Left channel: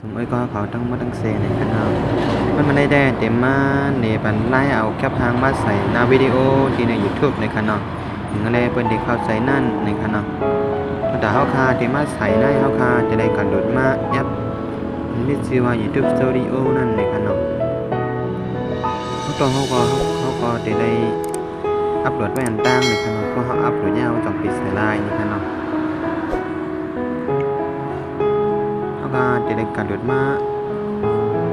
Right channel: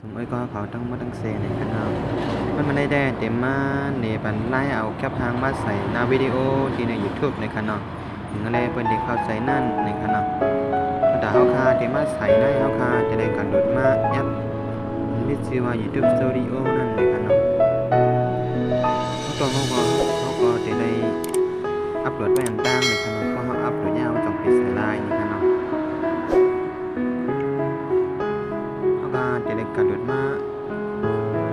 สมมติก็เขาต้องมาตั้งเซในกันเนาะมันได้แต่เต็มมาในบันไล่เอาแคปทางมาใส่หน้าวิดีโอที่ใน YouTube ในคันเนาะถึงอะไรเพิ่นได้เข้าใจนั่นในคันเนาะแต่เฮาคาเต็มมาใส่ในเฮาคาจะได้การโหลดมาแอปมันมีชื่อว่า YouTube Studio นั่นในคันเนาะเฮาก็จะได้อัปโหลดไว้อันต่างในคันเนาะเพราะเฮาอัปโหลดยาวต้องปิดใส่ไลน์ในคันเนาะเฮาก็จะได้การโหลดมา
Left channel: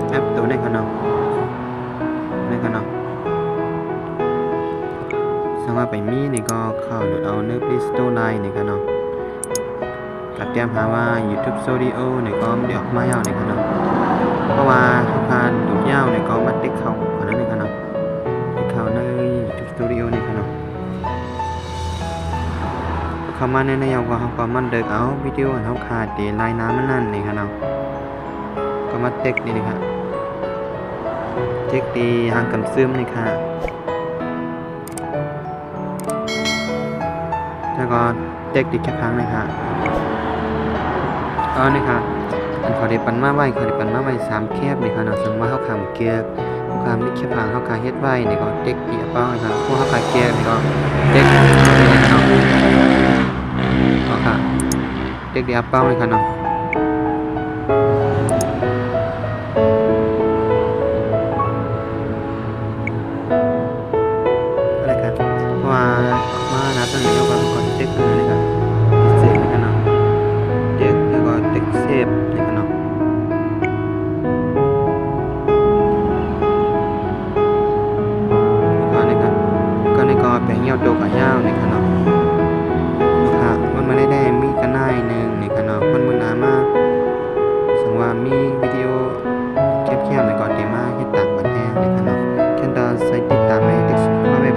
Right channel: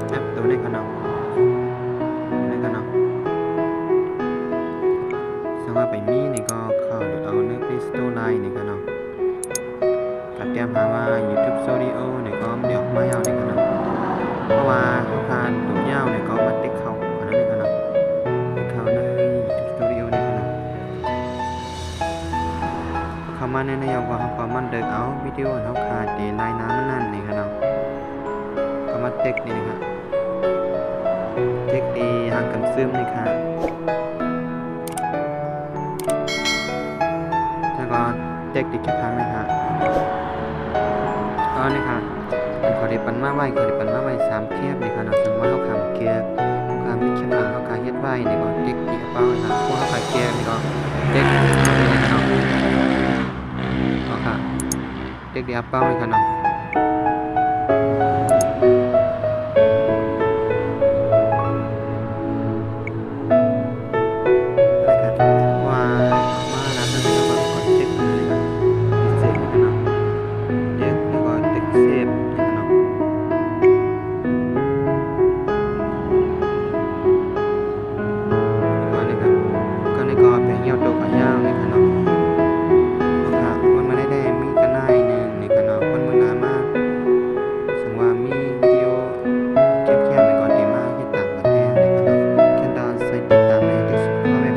แอปตัวในคันเนาะสามารถไปมีนี่ก็เข้าโหลดเอาใน Play Store Line นี่ครับเนาะก็เตรียมหาว่า YouTube Studio นี่ก็ไม่ได้ออกมายาวนี่ครับเนาะเพราะว่าเขาพาดูยาวนี่ก็มาติ๊กเข้าอันนั้นนี่ครับเนาะติ๊กเข้าใน YouTube Studio นี่ครับเนาะเข้ามาในแนวก็เขาก็มันเดิกเอาวิดีโออันเขาขาดที่ลายน้ำมันนั่นนี่ครับเนาะก็มาติ๊กนี่ครับติ๊กที่หางกำซึมนี่ค่ะแล้วก็เด็กดิแค่พังเลยค่ะนี่ค่ะอันขอได้ปันมาไว้3แคบนี่ค่ะเนาะซึ่งว่าเขาคำเกียร์เขาคำมีแค่พังเขาคาเฮ็ดไว้นี่ก็เด็กดิเป้าเลยค่ะพวกเขาคาเกียร์นี่ก็เด็กนี่ค่ะเนาะค่ะเด็กดิเป้าเลยค่ะเนาะอะไรกันว่ามานับตั้งแต่ยกก็เด็กนี่ค่ะพิเศษนี่ค่ะเนาะเด็กแล้วก็เด็กเซฟนี่ค่ะเนาะก็แปลงเหี่ยวโตกับยาวในขนมค่ะมันมาได้มีกันได้หนึ่งในขนมมันมือหนามากสังว่ามีวิดีโอแคบๆในก่อนเตมาเฮ็ดต่างประเทศในขนมแค่ตอนใส่ติดตามในติ๊กพ่อแม่